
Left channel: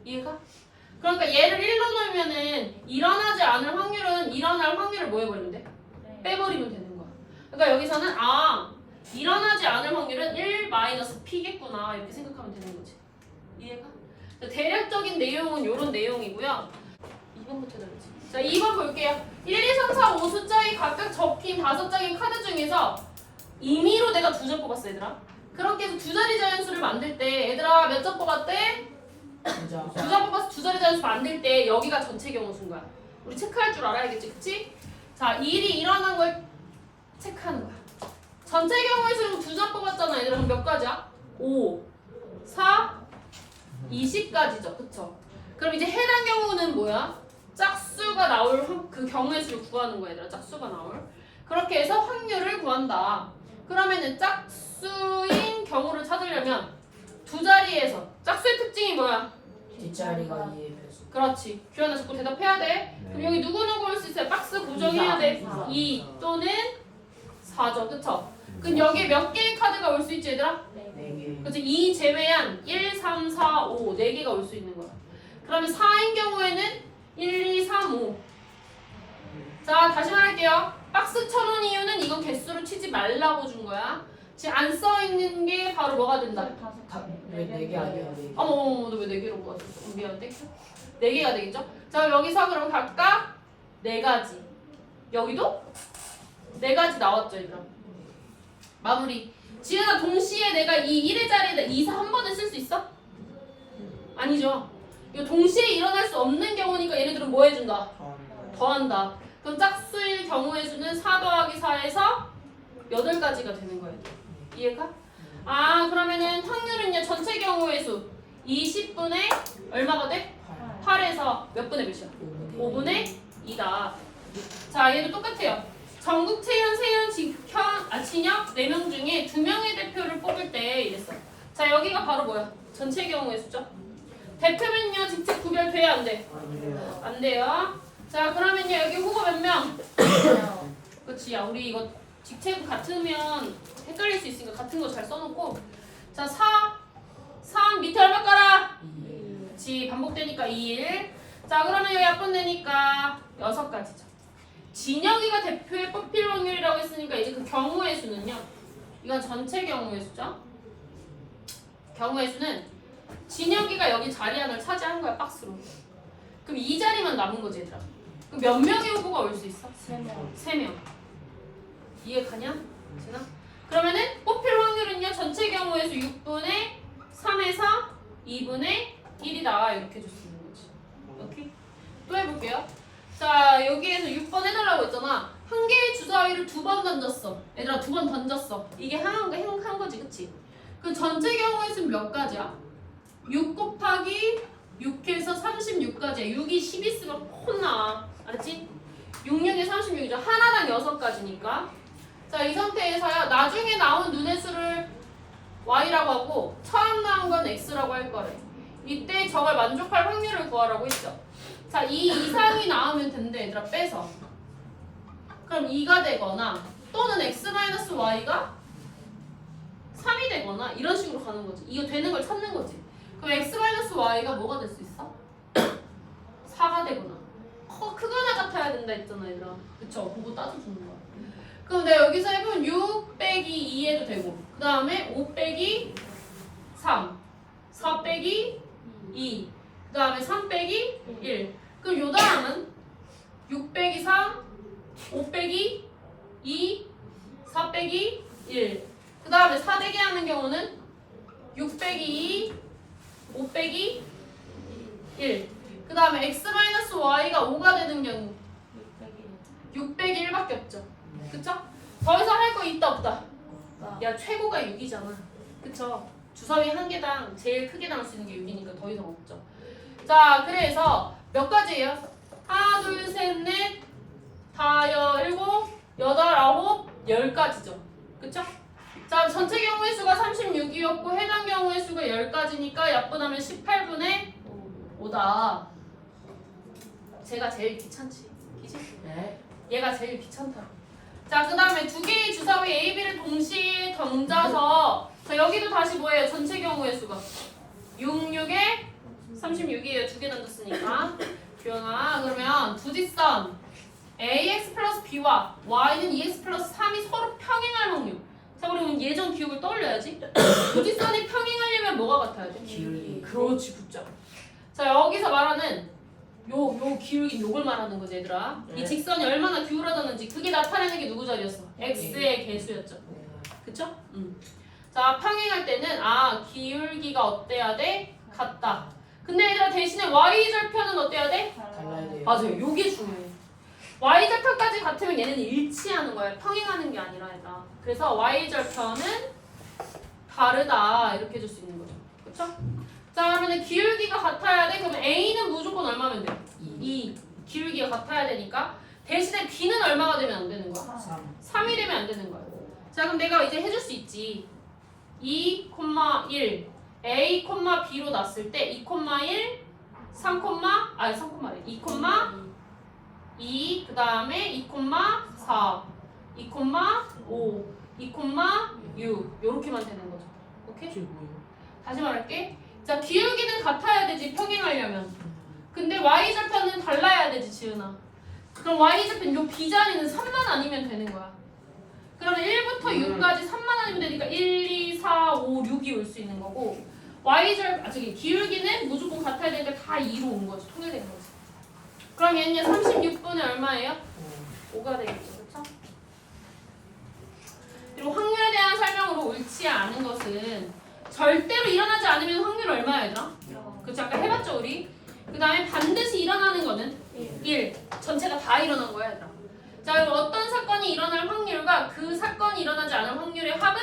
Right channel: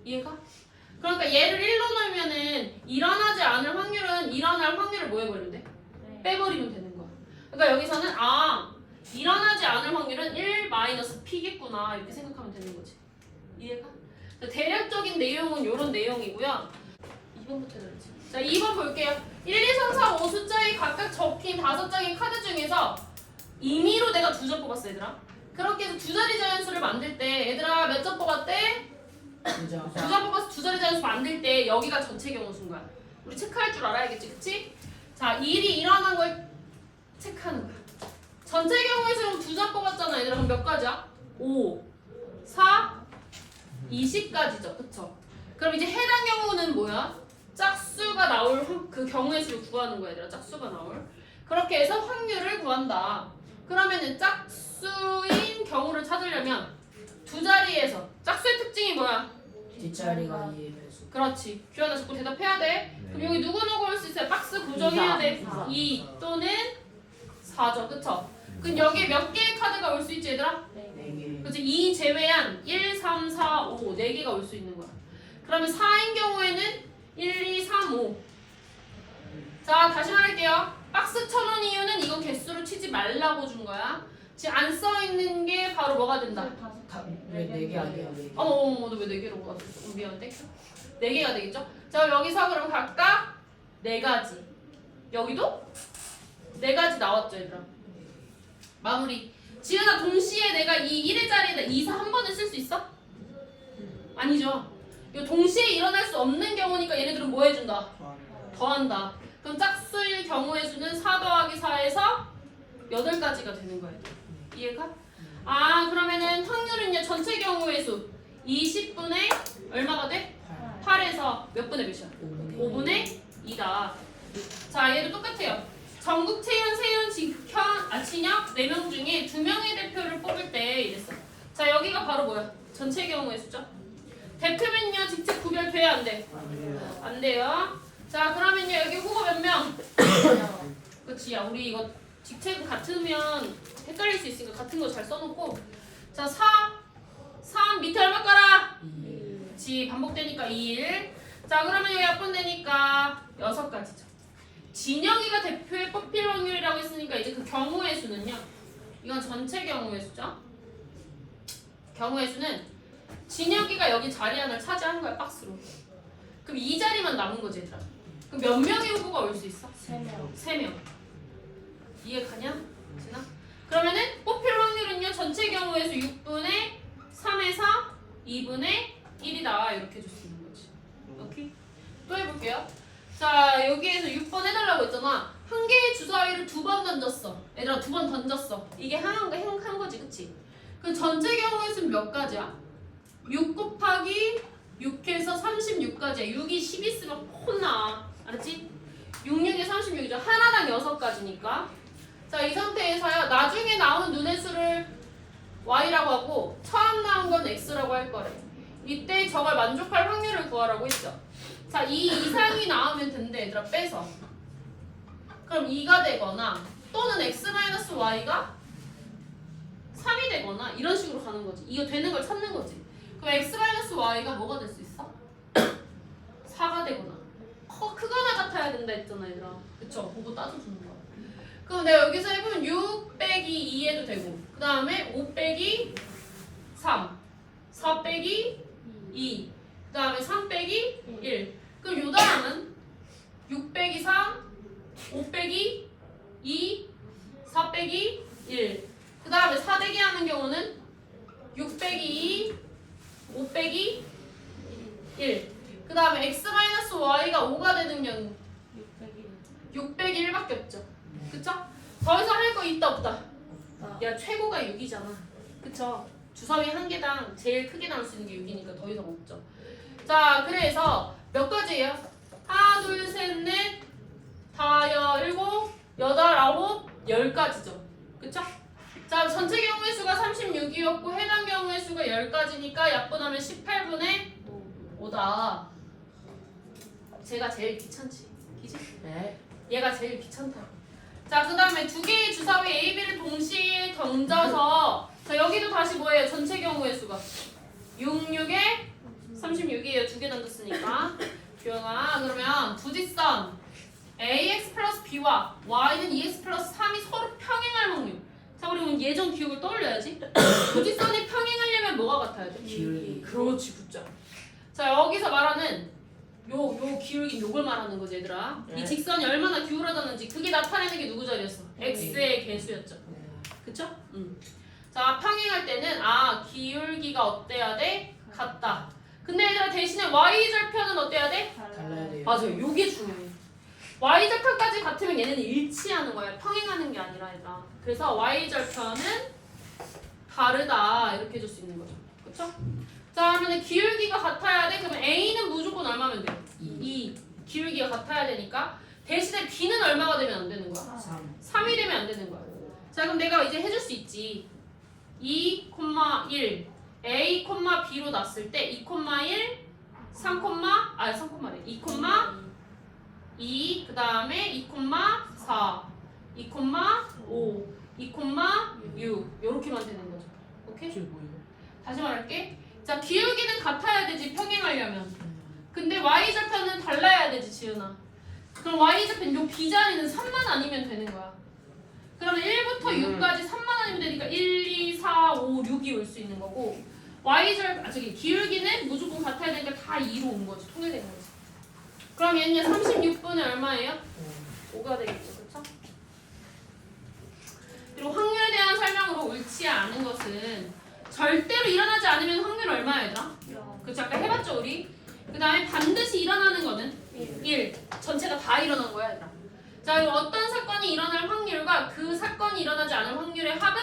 이해가? 그러니까 얘를 1로 넣으면은 일어나지 않을 확률은 일어날 확률을 뭐 해버리면 돼? 빼버리면 되는 거야. 그러니까 여기서는 일어나지 않을 확률은 1-P겠구나 이렇게 생각하면 되는 거지. 이해가? 대략적인 내용은 이런 내용이고요. 2번부터 해드리지. 자 2번 볼게요. 1, 2, 3, 4, 5 숫자에 각각 적힌 5장의 카드 중에서 임의로 내가 2장 뽑았어 얘들아. 그렇게 해서 2자리 자연수를 만들 때 얘들아 몇 장 뽑았대? 2장 뽑아서 2자리 자연수 만들 때 여기가 전체 경우수인 거야. 우리 체크할 줄 알아야겠지, 그치? 자, 이 일이 일어난 걸 체크하는 거야. 전체 경우에서는 2장 뽑았잖아. 얘들아, 그럼 몇 가지야? 5, 4, 20까지죠. 그쵸? 그럼 이제 해당 경우는 뭐야? 짝수가 나올 그 경우의 수를 구하는 거야, 얘들아. 짝수가 나올. 그렇게 해서 확률을 구한다. 그러면은 짝수인 경우를 찾으려면 2자리에서 짝수의 특징이 뭐야? 뒷자리가 2의 배수. 그렇지. 규현아 자꾸 대답해야 돼. 그럼 여기 누구누구 올 수 있어요? 박스 고정해야 돼. 이사. 2 또는 4죠. 그쵸? 그럼 여기에 몇 개의 카드가 올 수 있지 얘들아? 4개. 그치? 2 제외한 1, 3, 4, 5 4개가 올 수 있는 거야. 그러면 4인 경우에는 1, 2, 3, 5. 자 다시 말할게요. 박스 쳐놓은 이유는 이건 개수로 치지 말라고 준 거야. 지금 안 써있는 게 바로 뭐가 된다? 왜 4개 아니야? 4개. 어머 너 왜 4개로 뽑았어? 미안한데? 4개가 되겠죠? 자 그럼 여기서 그럼 각각 4가지. 여기도 4가지 나왔죠 얘들아. 마무리. 지은아 동시에 내가 이 1의 자리에다 2, 4 한 번에 쓸 수 있어? 아니죠. 이거 동시에 일어날 수 없는 경우니까 얘네들은 뭐 해준다? 더한다. 그럼 짝수일 경우의 수는 4 더하기 4에서 8가지가 되는 거예요. 이해가? 그러면은 확률은요 전체 경우의 수 20분의 얼마가 돼? 8에서 몇 분의 몇이야? 5분의 2다. 자 얘도 똑같아요. 전국 채연, 세연, 진혁 4명 중에 2명의 대표를 뽑을 때 이랬어. 자 여기가 바로 뭐야? 전체 경우의 수죠. 대표면요 직접 구별돼야 안 돼? 안 돼요. 자 그러면요 여기 후보 몇 명? 그치. 야 우리 이거 직책 같으면 헷갈릴 수 있으니까 같은 거 잘 써놓고. 자 3 밑에 얼마 깔아? 2. 그치. 반복되니까 1. 자 그러면 여기 약분되니까 6가지죠. 진혁이가 대표에 뽑힐 확률이라고 했으니까 이제 그 경우의 수는요. 이건 전체 경우의 수죠. 경우의 수는 진혁이가 여기 자리 하나를 차지한 거야 박스로. 그럼 이 자리만 남은 거지 얘들아. 그럼 몇 명의 후보가 올 수 있어? 3명. 3명. 이해 가냐? 지나? 그러면은 뽑힐 확률은요 전체 경우의 수 6분의 3에서 2분의 1이다 이렇게 줄 수 있는 거지. 오케이? 또 해볼게요. 자 여기에서 6번 해달라고 했잖아. 한 개의 주사위를 2번 던졌어. 얘들아 2번 던졌어. 이게 한 거지 그치? 그 전체 경우의 수는 몇 가지야? 6 곱하기 6해서 36가지야. 6이 10 있으면 혼나. 알았지? 6, 6에 36이죠. 하나당 6가지니까. 자, 이 상태에서요. 나중에 나온 눈의 수를 y라고 하고 처음 나온 건 x라고 할 거래. 이때 저걸 만족할 확률을 구하라고 했죠. 자, 2 이상이 나오면 된대. 얘들아 빼서. 그럼 2가 되거나 또는 x-y가 3이 되거나 이런 식으로 가는 거지. 이거 되는 걸 찾는 거지. 그럼 x-y가 뭐가 될 수 있어? 4가 되거나 크거나 같아야 된다 했잖아 얘들아. 그쵸? 그거 따져주는 거야. 그럼 내가 여기서 해보면 6 빼기 2해도 되고 그 다음에 5 빼기 3 4 빼기 2 그 다음에 3 빼기 1 그럼 요 다음은 6 빼기 3 5 빼기 2 4 빼기 1 그 다음에 4대기 하는 경우는 6 빼기 2 5 빼기 1 그 다음에 x-y가 5가 되는 경우 6 빼기 1밖에 없죠. 그쵸? 더 이상 할 거 있다 없다? 야 최고가 6이잖아. 그쵸? 주사위 한 개당 제일 크게 나올 수 있는 게 6이니까 더 이상 없죠. 자 그래서 몇 가지예요? 하나 둘 셋 넷 다 일곱 여덟 아홉 10가지죠. 그쵸? 자 전체 경우의 수가 36이었고 해당 경우의 수가 10가지니까 약분하면 18분의 5다. 제가 제일 귀찮지. 그치? 네. 얘가 제일 귀찮다. 자, 그 다음에 두 개의 주사위 A, B를 동시에 던져서 자, 여기도 다시 뭐예요? 전체 경우의 수가 6, 6에 36이에요. 두 개 던졌으니까. 규현아, 그러면 두 뒷선 AX 플러스 B와 Y는 EX 플러스 3이 서로 평행할 확률. 자, 그러면 예전 기억을 떠올려야지. 두 뒷선이 평행하려면 뭐가 같아야 돼? 기울기. 그렇지, 굿자. 자, 여기서 말하는 요 기울기 요걸 말하는 거지 얘들아. 네. 이 직선이 얼마나 기울어졌는지 그게 나타내는 게 누구 자리였어? x의 개수였죠. 그쵸? 자 평행할 때는 기울기가 어때야 돼? 같다. 근데 얘들아 대신에 y절편은 어때야 돼? 달라야 돼요. 맞아요. 요게 중요해. y절편까지 같으면 얘네는 일치하는 거야. 평행하는 게 아니라 얘들아. 그래서 y절편은 다르다 이렇게 해줄 수 있는 거죠. 그쵸? 자 그러면 기울기가 같아야 돼. 그러면 A는 무조건 얼마면 돼? 2. 기울기가 같아야 되니까 대신에 B는 얼마가 되면 안 되는 거야? 3. 3이 되면 안 되는 거야. 자 그럼 내가 이제 해줄 수 있지. 2, 1 A, B로 놨을 때 2, 1 3, 3,래 2, 2 그 다음에 2, 4 2, 5 2, 6 요렇게만 되는 거죠. 오케이? 이게 뭐예요? 다시 말할게. 자 기울기는 같아야 되지 평행하려면. 근데 y좌표는 달라야 되지 지은아. 그럼 y좌표 요 b자리는 3만 아니면 되는 거야. 그러면 1부터 6까지 3만 아니면 되니까 1, 2, 4, 5, 6이 올 수 있는 거고 저기 기울기는 무조건 같아야 되니까 다 2로 온 거지. 통일된 거지. 그럼 얘는 36분의 얼마예요? 5가 되겠죠. 그쵸? 그리고 확률에 대한 설명으로 옳지 않은 것은 절대로 일어나지 않으면 확률 얼마야 얘들아? 그쵸? 아까 해봤죠 우리? 그 다음에 반드시 일어나는 거는 1. 전체가 다 일어난 거야 얘들아. 자 그럼 어떤 사건이 일어날 확률과 그 사건이 일어나지 않을 확률의 합은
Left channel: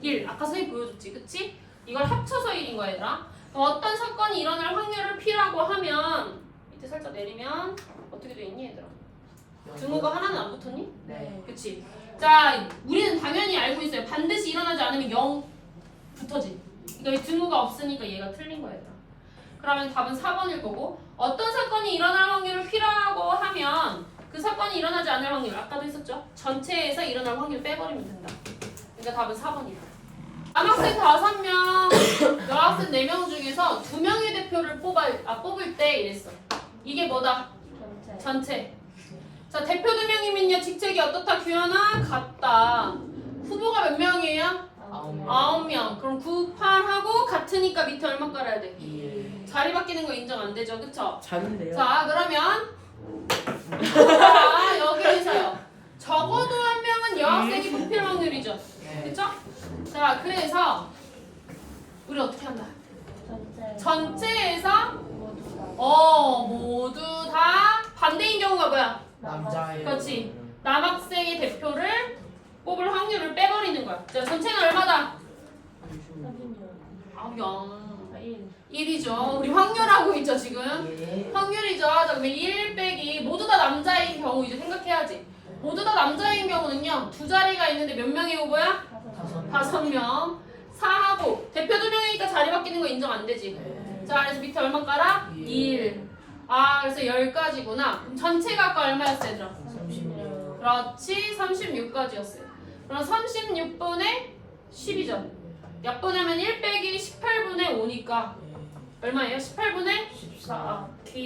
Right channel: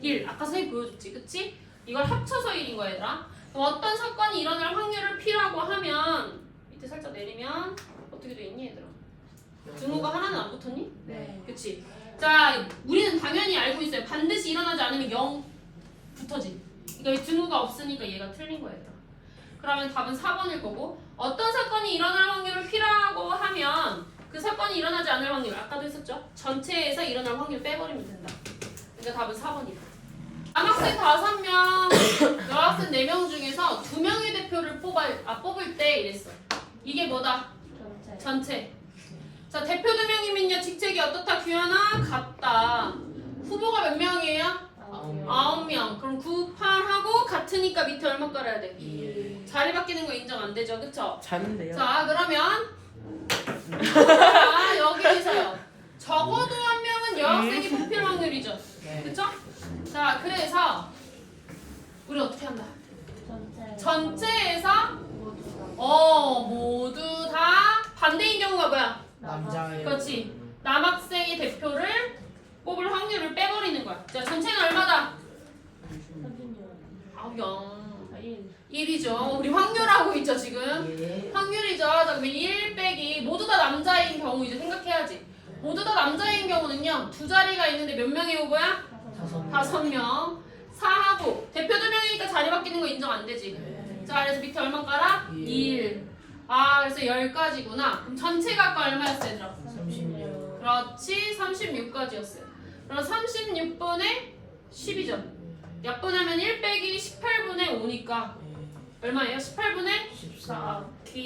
1. 아까 선생님 보여줬지 그치? 이걸 합쳐서 1인 거야 얘들아. 그럼 어떤 사건이 일어날 확률을 P라고 하면 밑에 살짝 내리면 어떻게 되겠니 얘들아? 등호가 하나는 안 붙었니? 네. 그치? 자 우리는 당연히 알고 있어요. 반드시 일어나지 않으면 0 붙어지. 그러니까 등호가 없으니까 얘가 틀린 거야 얘들아. 그러면 답은 4번일 거고 어떤 사건이 일어날 확률을 P라고 하면 그 사건이 일어나지 않을 확률 아까도 했었죠? 전체에서 일어날 확률 빼버리면 된다. 그러니까 답은 4번이다. 남학생 5명, 여학생 4명 중에서 2명의 대표를 뽑을 때 이랬어. 이게 뭐다? 전체. 자 대표 2명이면요 직책이 어떻다? 규현아? 같다. 후보가 몇 명이에요? 9명. 그럼 9, 8하고 같으니까 밑에 얼마 깔아야 돼? 2. 자리 바뀌는 거 인정 안 되죠? 그쵸? 작은데요? 자 그러면 자 여기서요. 적어도 한 명은 여학생이 뽑힐 확률이죠. 네. 그쵸? 자 그래서 우리 어떻게 한다? 전체에서 모두 다 반대인 경우가 뭐야? 남자예요. 그렇지. 남학생의 대표를 뽑을 확률을 빼버리는 거야. 자 전체는 얼마다? 야, 1. 1이죠. 우리 확률하고 있죠 지금. 예. 확률이죠. 자, 그럼 1 빼기 모두 다 남자인 경우 이제 생각해야지. 모두 다 남자인 경우는요. 두 자리가 있는데 몇 명의 후보야? 5명. 4하고 대표 2명이니까 자리 바뀌는 거 인정 안 되지. 네. 자, 그래서 밑에 얼마 깔아? 예. 1. 아, 그래서 10까지구나. 그럼 전체가 아까 얼마였어, 얘들아? 36. 그렇지, 36까지였어요. 그럼 36분의 10이죠. 약분하면 1 빼기 18분의 5니까 예. 얼마예요? 18분의 14. 4.